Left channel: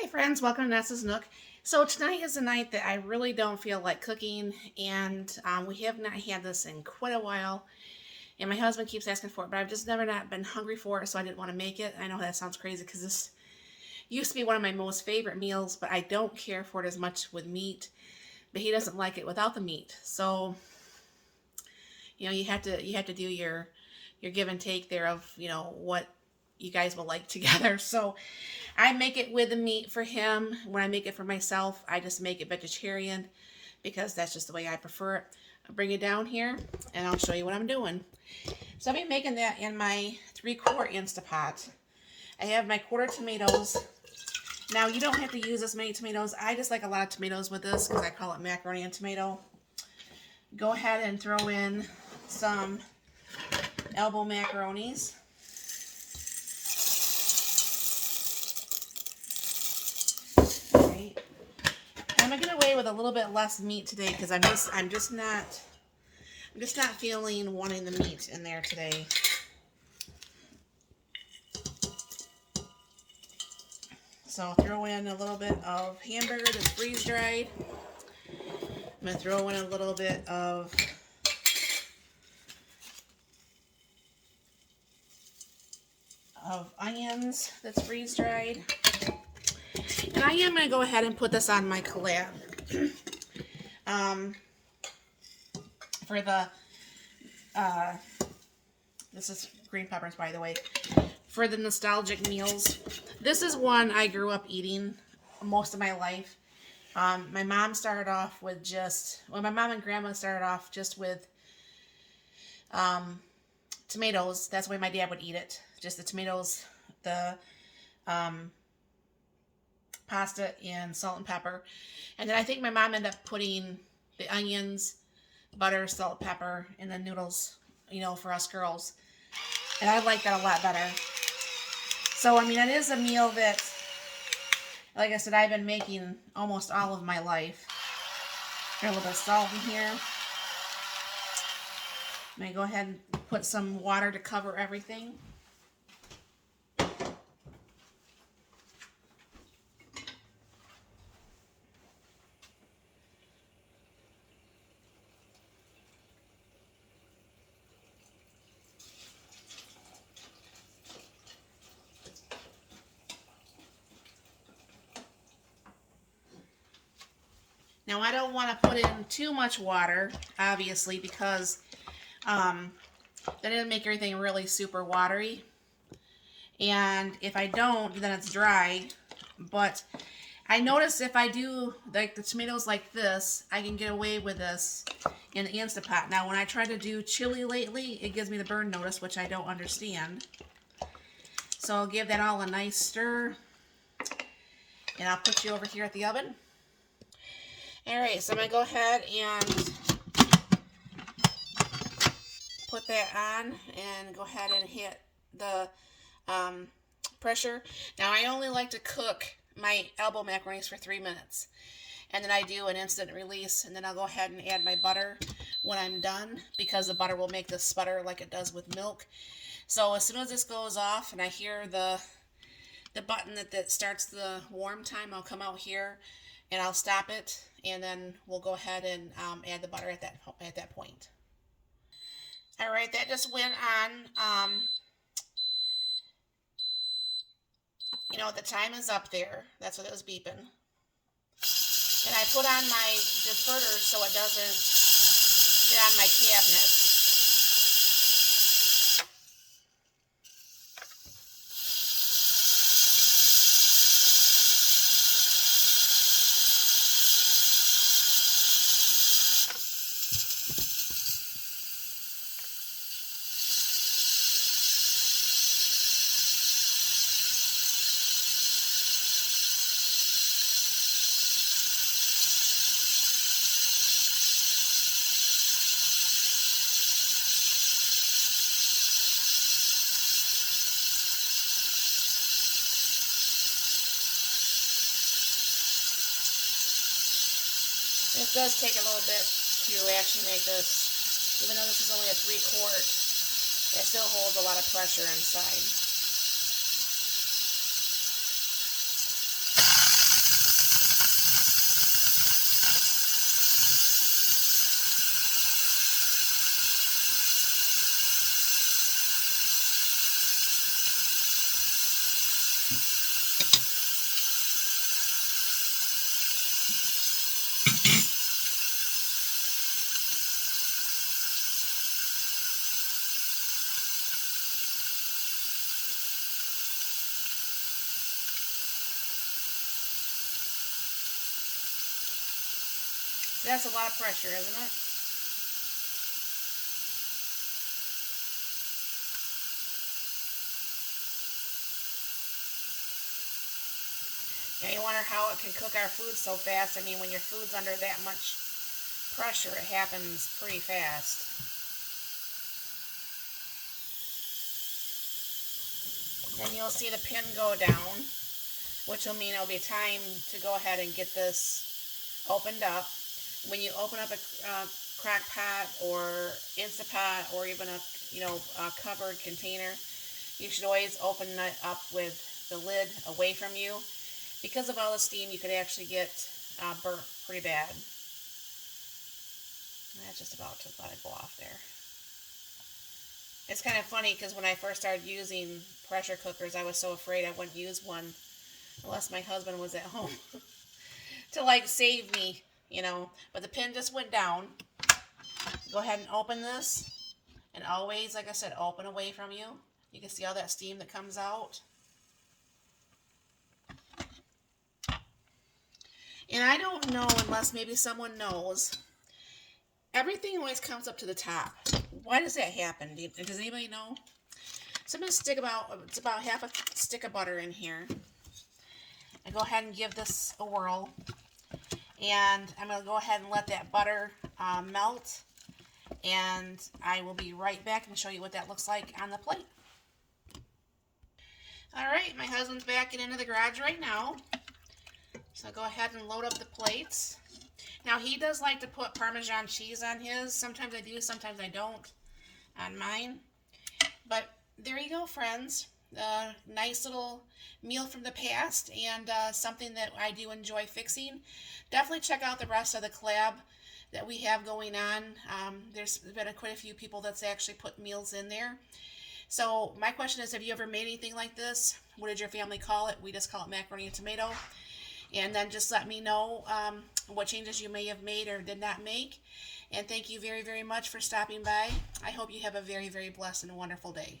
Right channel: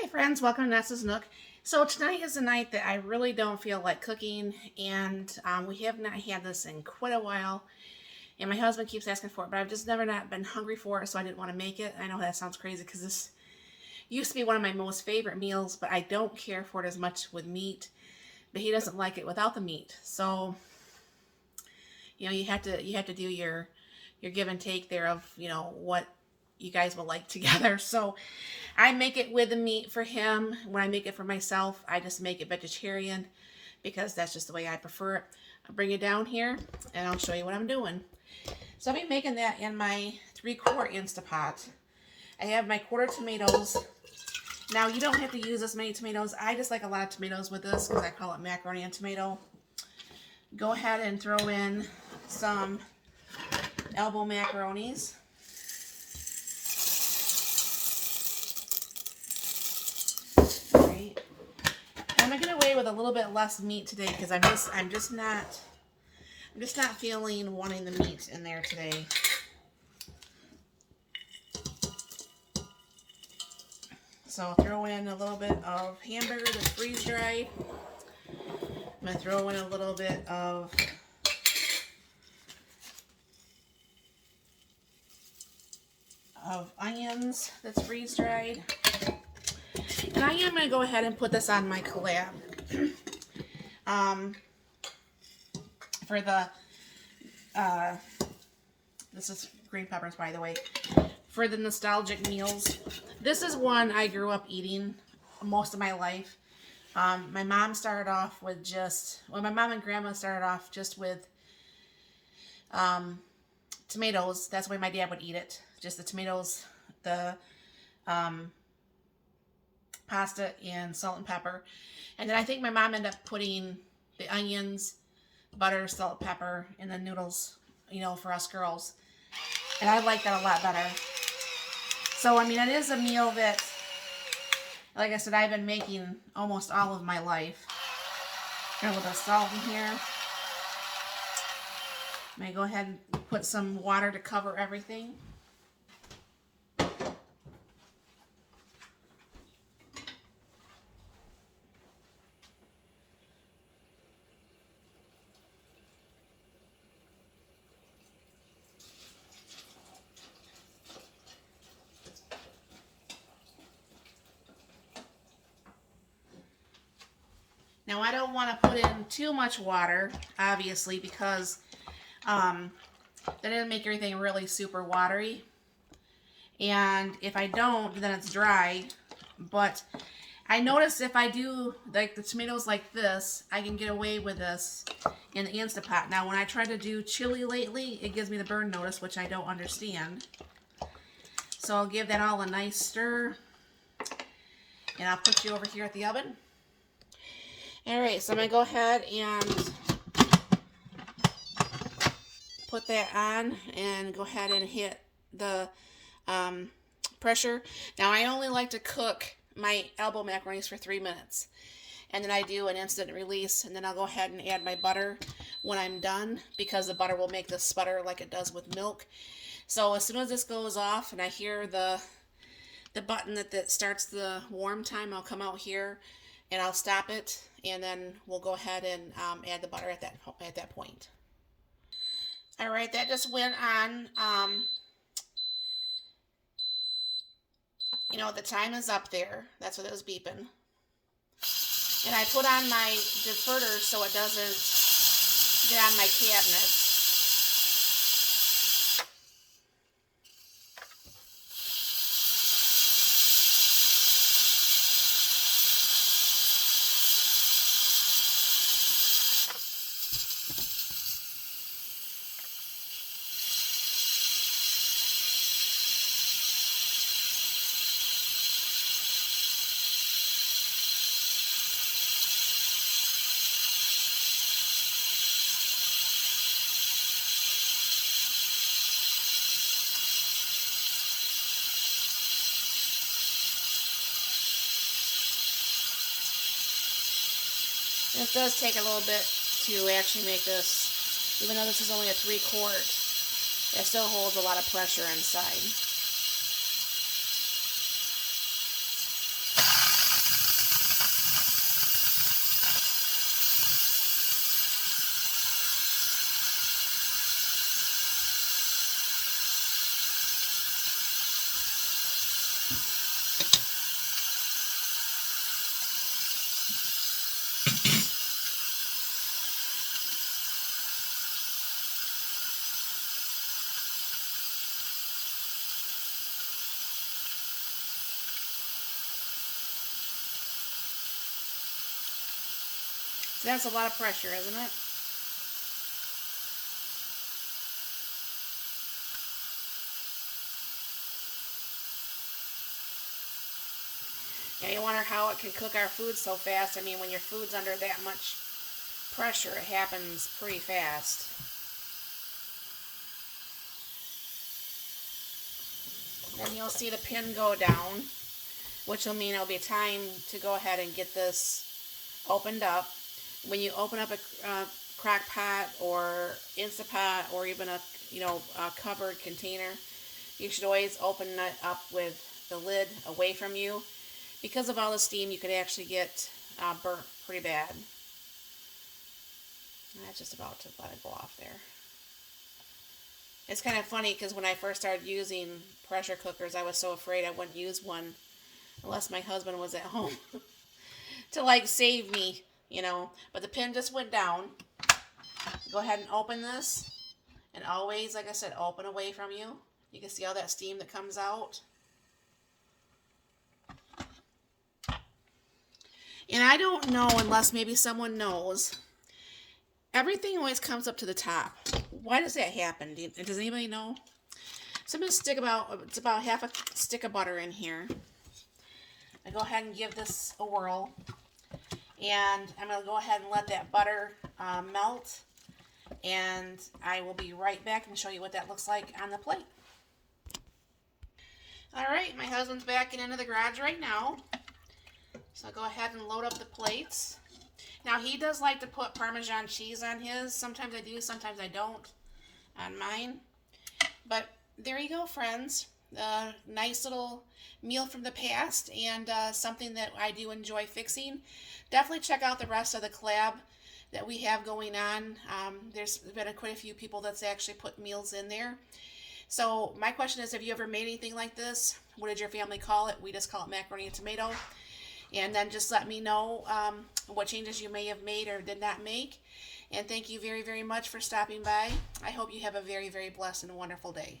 Hi friends, welcome to Nessa's Nook. So tonight is a night that I really don't feel like cooking, and we have not had this in quite a while, and my husband keeps asking for it, but I've just never not been hungry for it, so I didn't want to make it. I know that sounds crazy because this used to be one of my most favorite meals, but I don't care for it as much with meat, but he doesn't like it without the meat. So, you have to do your give and take there of, what you guys will like together. So I make it with the meat for him. When I make it for myself, I just make it vegetarian because that's just the way I prefer it. I'll bring it down here and I'll show you what I'm doing. So I'll be making that in my 3/4 Instapot. I have my quarter tomatoes. Now you don't have to use this many tomatoes. I just like a lot of tomatoes with this because I call it macaroni and tomato. Go ahead and throw in some elbow macaronis. I'm gonna get away with a little bit less meat today because I'm just not feeling wanting the meat in there today. So I'll throw in a little bit of hamburger that's freeze dried. I'm gonna throw in a little bit of onions that's freeze dried. And I am going to go ahead and put this on my COLLAB. For the, this is green peppers, by the way, for the nostalgic meals. This is one I grew up eating most of my life. My mom started off with my mom and grandma started off just with tomatoes. That's the way my dad would eat it. Just the tomatoes, the pasta, and salt and pepper. And then I think my mom ended up putting the onions, butter, salt, pepper, and the noodles, for us girls. And I like that a lot better. So, I mean, it is a meal that, like I said, I've been making almost all of my life. Got a little bit of salt in here. I'm going to go ahead and put some water to cover everything. Now, I don't want to put in too much water, obviously, because then it'll make everything really super watery. And if I don't, then it's dry. But I notice if I do like the tomatoes like this, I can get away with this in the Instapot. Now, when I try to do chili lately, it gives me the burn notice, which I don't understand. So I'll give that all a nice stir. And I'll put you over here at the oven. Alright, so I'm going to go ahead and put that on and go ahead and hit the pressure. Now, I only like to cook my elbow macaronis for 3 minutes. And then I do an instant release, and then I'll go ahead and add my butter when I'm done, because the butter will make this sputter like it does with milk. So as soon as this goes off and I hear the button that starts the warm time, I'll come out here and I'll stop it, and then we'll go ahead and add the butter at that point. All right, that just went on. The time is up there. That's what it was beeping. And I put on my deferter so it doesn't get on my cabinet. It does take a little bit to actually make this. Even though this is only a 3/4, it still holds a lot of pressure inside. So that's a lot of pressure, isn't it? Yeah, you wonder how it can cook our food so fast. I mean, when your food's under that much pressure, it happens pretty fast. Then you'll see the pin go down, which will mean it'll be time to go ahead and get this opened up. When you open up a crock pot or Instapot or even a covered container, you should always open it up with the lid away from you. Because of all the steam, you could actually get burnt pretty bad. And that's just about to let it go off there. It's kind of funny because when I first started using pressure cookers, I was so afraid I wouldn't use one unless my husband was at home to like save me, But the pin just went down. Go ahead and open this. And always, like I said, open away from you. You can see all that steam that comes out. And I don't know, unless maybe someone knows, everything always comes up to the top. Why does that happen? Does anybody know? So I'm going to stick about half a stick of butter in here. I go ahead and give this a whirl. And I'm going to go ahead and let that butter melt. And I will be right back and show you what that looks like on the plate. Alright, my husband's backing into the garage right now. So I'll go ahead and load up the plates. Now he does like to put Parmesan cheese on his. Sometimes I do, sometimes I don't on mine. But there you go, friends. Nice little meal from the past and something that I do enjoy fixing. Definitely check out the rest of the collab that we have going on. There's been quite a few people that's actually put meals in there. So my question is, have you ever made anything like this? What did your family call it? We just call it macaroni and tomato. And then just let me know what changes you may have made or did not make. And thank you very, very much for stopping by. I hope you have a very, very blessed and wonderful day.